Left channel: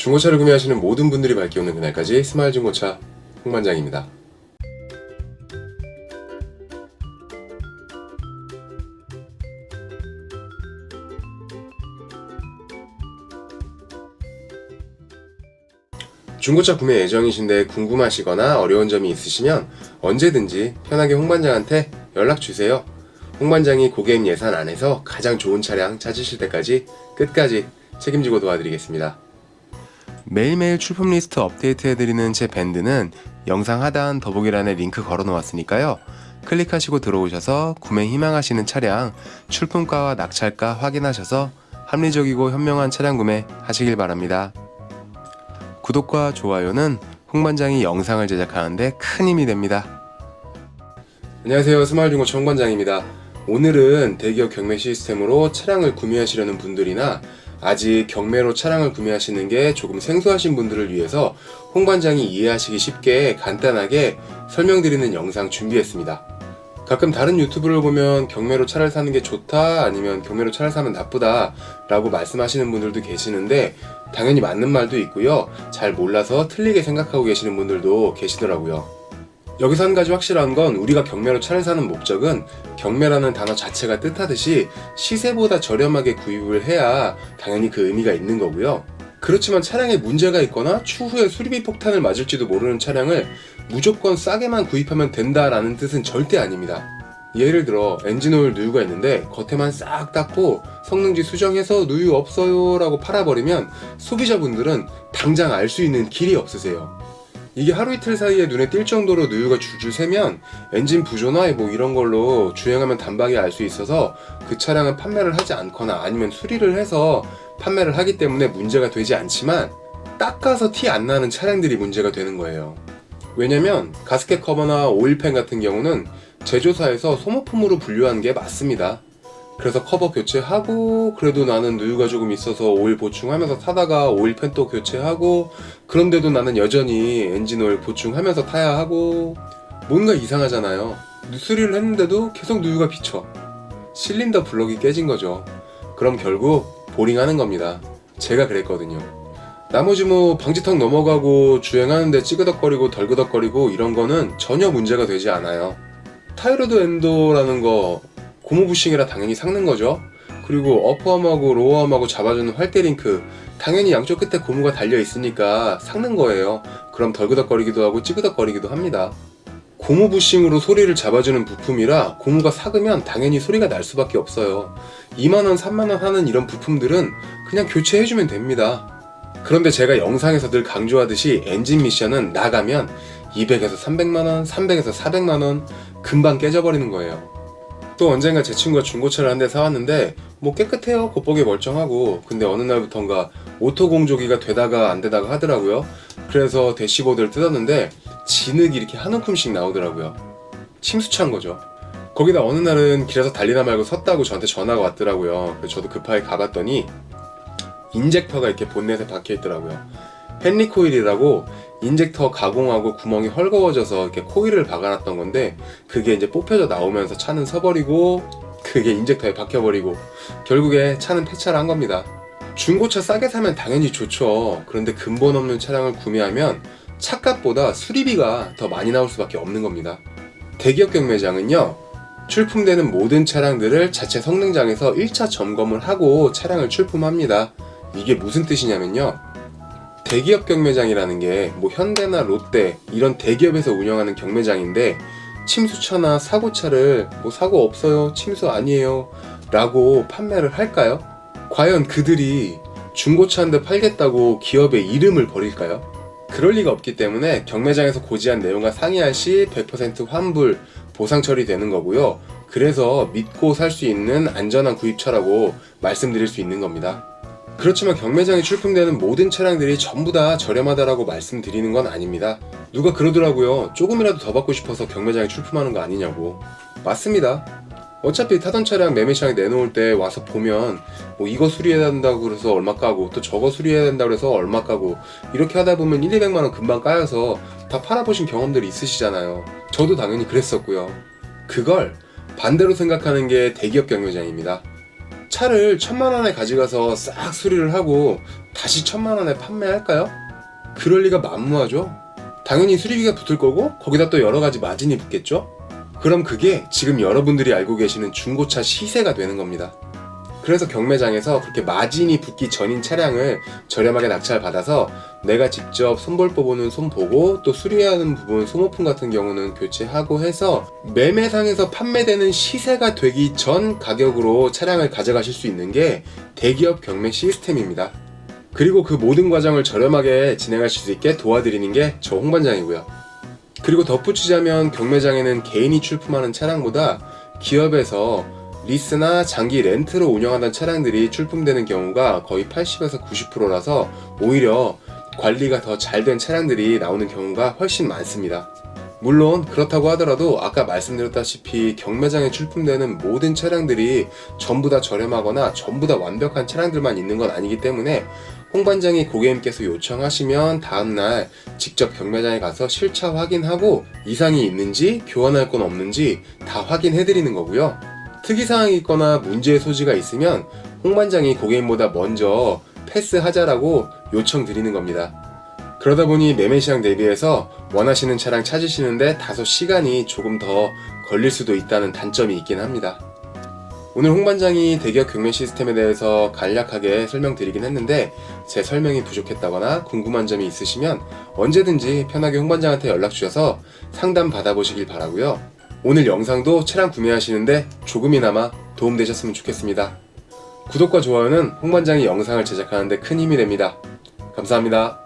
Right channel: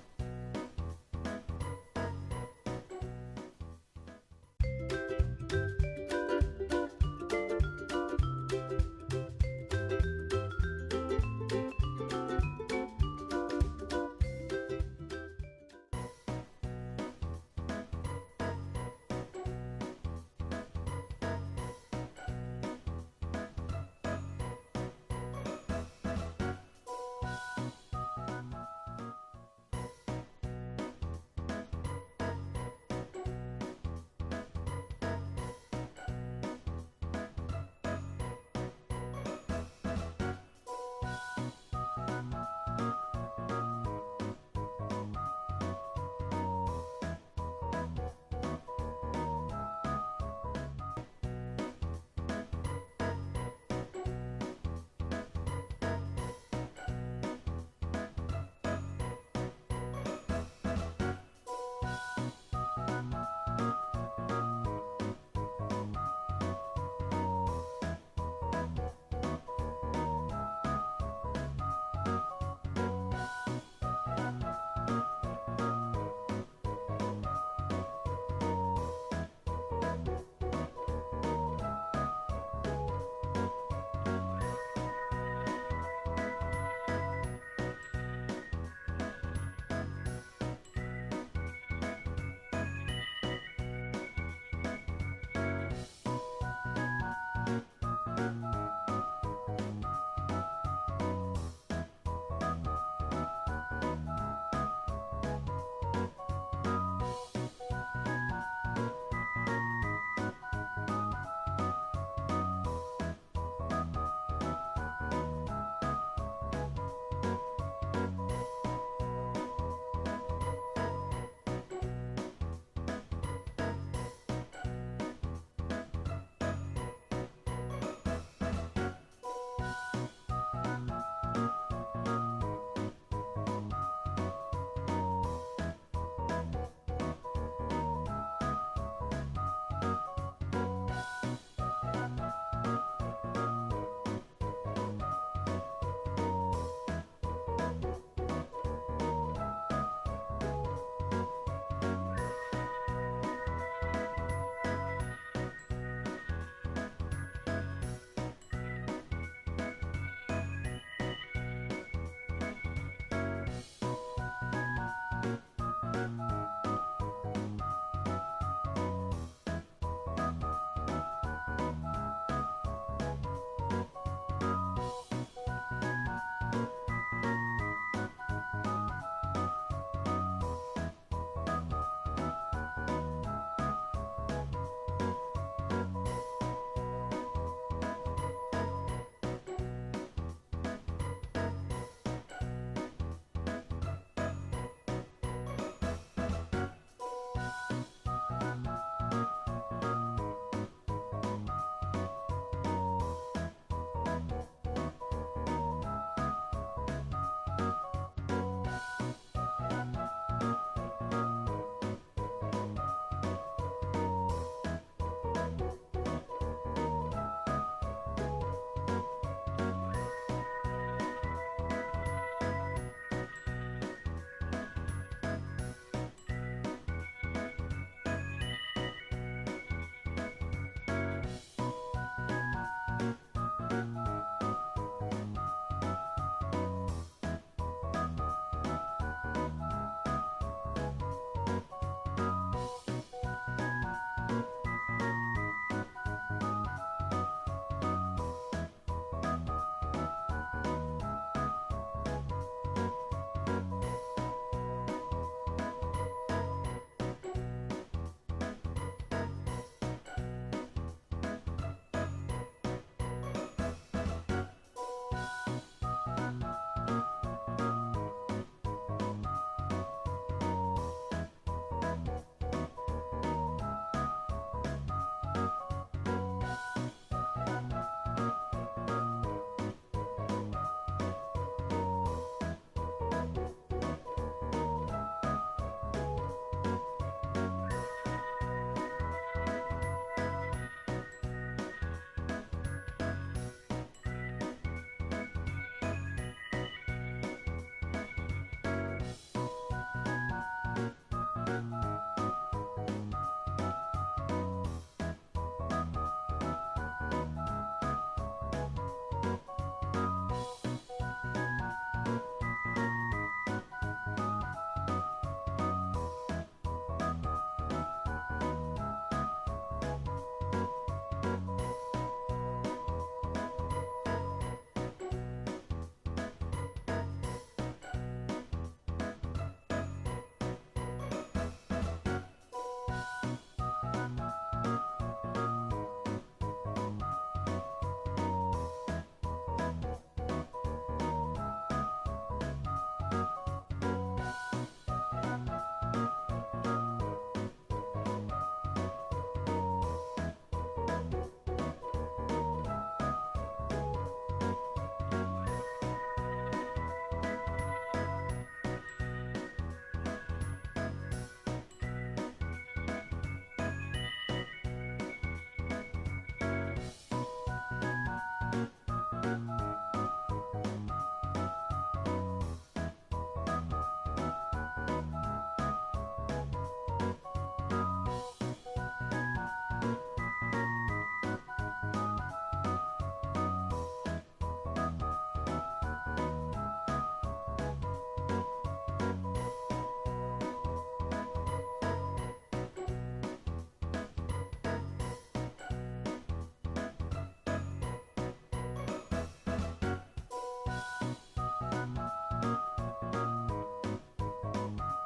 중고차를 구매하시는 모든 분들이 밝게 오는 그날까지 스마일 중고차 홍반장입니다. 중고차 구매 예정이신데 궁금하시거나 어려운 점이 있으시면 언제든지 편하게 홍반장한테 연락주세요. 홍반장이 고객 예산 안에서 가장 좋은 차량 찾으실 때까지 끝까지 책임지고 도와드리겠습니다. 매일매일 출품 리스트 업데이트해드리는 제 밴드는 영상 하단 더보기란에 링크 걸어놓았으니까요. 클릭하시고 들어오셔서 구매 희망하시는 차량 출품가와 낙찰가 확인하셔서 합리적이고 현명한 차량 구매 하시길 바랍니다. 구독과 좋아요는 홍반장이 영상을 제작하는데 큰 힘이 됩니다. 안녕하세요, 스마일 중고차 홍반장입니다. 오늘은 대기업 경매 시스템으로 차량을 구매하시려는 분들이나 아직 경매로 차량을 구매하시는 게 조금 생소하신 분들을 위해서 홍반장이 이해하시기 쉽게 간단하게 설명드리는 영상 준비했습니다. 가끔 다른 유튜브를 보면 경매로 차를 사는 게 좋다, 아니면 경매로 차를 사면 나쁘다 라고 말씀하시는 분들도 계시는데 당연히 맞는 말도 있고요, 잘 몰라서 틀리게 생각하고 계시는 분들도 계시더라고요. 여기서 한 가지 확실한 건, 우리가 경매로 차를 사는 목적은 경매라는 단어 자체가 뜻하듯이 시세보다 저렴하게 구입을 해야 당연히 그 의미가 있는 거고요. 그렇지만 차량에 문제가 있거나 추후에 수리비 폭탄을 맞을지도 모르는 차량을 무조건 싸게만 구입하면 된다라는 뜻은 절대 아닙니다. 예를 들어 엔진오일 누유가 있는데 겉에만 싹 닦고 성능지 수정해서 누유 없어요 라고 팔아버리면 소비자분들은 당장 알 수 있는 길이 없으세요. 이게 하루 이틀 사이에 눈에 띌 정도로 누유가 줄줄 새면 엔진 부조나 뭐 이런 걸로 주행하면 단박에 알 수 있어서 그 차량은 판매를 하지 않거나 아니면 수리를 해서 판매를 하기 때문에 문제가 되지 않지만, 닦아서 티 안 나는 차량들이 문제가 되는 거예요. 왜냐면 가스켓 커버나 오일팬 같은 경우는 제조사에서 소모품으로 분류한 게 맞습니다. 그래서 커버 교체하고, 그래도 나는 누유가 조금 있어서 오일 보충하면서 타다가 오일팬 또 교체하고, 그런데도 나는 여전히 엔진오일 보충하면서 타야 하고, 뭔가 이상하잖아요. 수리를 했는데도 계속 누유가 비쳐. 실린더 블럭이 깨진 거죠. 그럼 결국 보링하는 겁니다. 제가 그랬거든요. 나머지 뭐 방지턱 넘어가고 주행하는데 찌그덕거리고 덜그덕거리고 이런 거는 전혀 문제가 되지 않아요. 타이로드 엔도라는 거 고무 부싱이라 당연히 삭는 거죠. 그리고 어퍼암하고 로어암하고 잡아주는 활대링크, 당연히 양쪽 끝에 고무가 달려 있으니까 삭는 거예요. 그럼 덜그덕거리기도 하고 찌그덕거리기도 합니다. 고무 부싱으로 소리를 잡아주는 부품이라 고무가 삭으면 당연히 소리가 날 수밖에 없어요. 2만원, 3만원 하는 이런 부품들은 그냥 교체해주면 됩니다. 그런데 제가 영상에서 늘 강조하듯이 엔진 미션은 나가면 200에서 300만원, 300에서 400만원 금방 깨져버리는 거예요. 또 언젠가 제 친구가 중고차를 한 대 사왔는데 뭐 깨끗해요, 겉보기 멀쩡하고. 근데 어느 날부턴가 오토 공조기가 되다가 안 되다가 하더라고요. 그래서 대시보드를 뜯었는데 진흙이 이렇게 한 움큼씩 나오더라고요. 침수찬 거죠. 거기다 어느 날은 길에서 달리다 말고 섰다고 저한테 전화가 왔더라고요. 그래서 저도 급하게 가봤더니 인젝터가 이렇게 본넷에 박혀있더라고요. 헨리 코일이라고 인젝터 가공하고 구멍이 헐거워져서 이렇게 코일을 박아놨던 건데, 그게 이제 뽑혀져 나오면서 차는 서버리고 그게 인젝터에 박혀버리고 결국에 차는 폐차를 한 겁니다. 중고차 싸게 사면 당연히 좋죠. 그런데 근본 없는 차량을 구매하면 차값보다 수리비가 더 많이 나올 수밖에 없는 겁니다. 대기업 경매장은요, 출품되는 모든 차량들을 자체 성능장에서 1차 점검을 하고 차량을 출품합니다. 이게 무슨 뜻이냐면요, 대기업 경매장이라는 게 뭐 현대나 롯데 이런 대기업에서 운영하는 경매장인데, 침수차나 사고차를 뭐 사고 없어요, 침수 아니에요 라고 판매를 할까요? 과연 그들이 중고차 한 대 팔겠다고 기업의 이름을 버릴까요? 그럴 리가 없기 때문에 경매장에서 고지한 내용과 상이할 시 100% 환불, 보상 처리되는 거고요. 그래서 믿고 살 수 있는 안전한 구입차라고 말씀드릴 수 있는 겁니다. 그렇지만 경매장에 출품되는 모든 차량들이 전부 다 저렴하다라고 말씀드리는 건 아닙니다. 누가 그러더라고요. 조금이라도 더 받고 싶어서 경매장에 출품하는 거 아니냐고. 맞습니다. 어차피 타던 차량 매매시장에 내놓을 때 와서 보면 뭐 이거 수리해야 된다고 그래서 얼마 까고, 또 저거 수리해야 된다고 그래서 얼마 까고, 이렇게 하다 보면 1, 200만원 금방 까여서 다 팔아보신 경험들이 있으시잖아요. 저도 당연히 그랬었고요. 그걸 반대로 생각하는 게 대기업 경매장입니다. 차를 1,000만 원에 가져가서 싹 수리를 하고 다시 1,000만 원에 판매할까요? 그럴 리가 만무하죠. 당연히 수리비가 붙을 거고 거기다 또 여러 가지 마진이 붙겠죠. 그럼 그게 지금 여러분들이 알고 계시는 중고차 시세가 되는 겁니다. 그래서 경매장에서 그렇게 마진이 붙기 전인 차량을 저렴하게 낙찰받아서 내가 직접 손볼 부분은 손보고 또 수리하는 부분 소모품 같은 경우는 교체하고 해서 매매상에서 판매되는 시세가 되기 전 가격으로 차량을 가져가실 수 있는 게 대기업 경매 시스템입니다. 그리고 그 모든 과정을 저렴하게 진행하실 수 있게 도와드리는 게 저 홍반장이고요. 그리고 덧붙이자면 경매장에는 개인이 출품하는 차량보다 기업에서 리스나 장기 렌트로 운영하던 차량들이 출품되는 경우가 거의 80에서 90%라서 오히려 관리가 더 잘 된 차량들이 나오는 경우가 훨씬 많습니다. 물론 그렇다고 하더라도 아까 말씀드렸다시피 경매장에 출품되는 모든 차량들이 전부 다 저렴하거나 전부 다 완벽한 차량들만 있는 건 아니기 때문에 홍반장이 고객님께서 요청하시면 다음날 직접 경매장에 가서 실차 확인하고 이상이 있는지 교환할 건 없는지 다 확인해드리는 거고요. 특이사항이 있거나 문제의 소지가 있으면 홍반장이 고객님보다 먼저 패스하자라고 요청드리는 겁니다. 그러다 보니 매매시장 대비해서 원하시는 차량 찾으시는데 다소 시간이 조금 더 걸릴 수도 있다는 단점이 있긴 합니다. 오늘 홍반장이 대기업 경매 시스템에 대해서 간략하게 설명드리긴 했는데 제 설명이 부족했다거나 궁금한 점이 있으시면 언제든지 편하게 홍반장한테 연락주셔서 상담 받아보시길 바라고요. 오늘 영상도 차량 구매하시는데 조금이나마 도움되셨으면 좋겠습니다. 구독과 좋아요는 홍반장이 영상을 제작하는데 큰 힘이 됩니다. 감사합니다.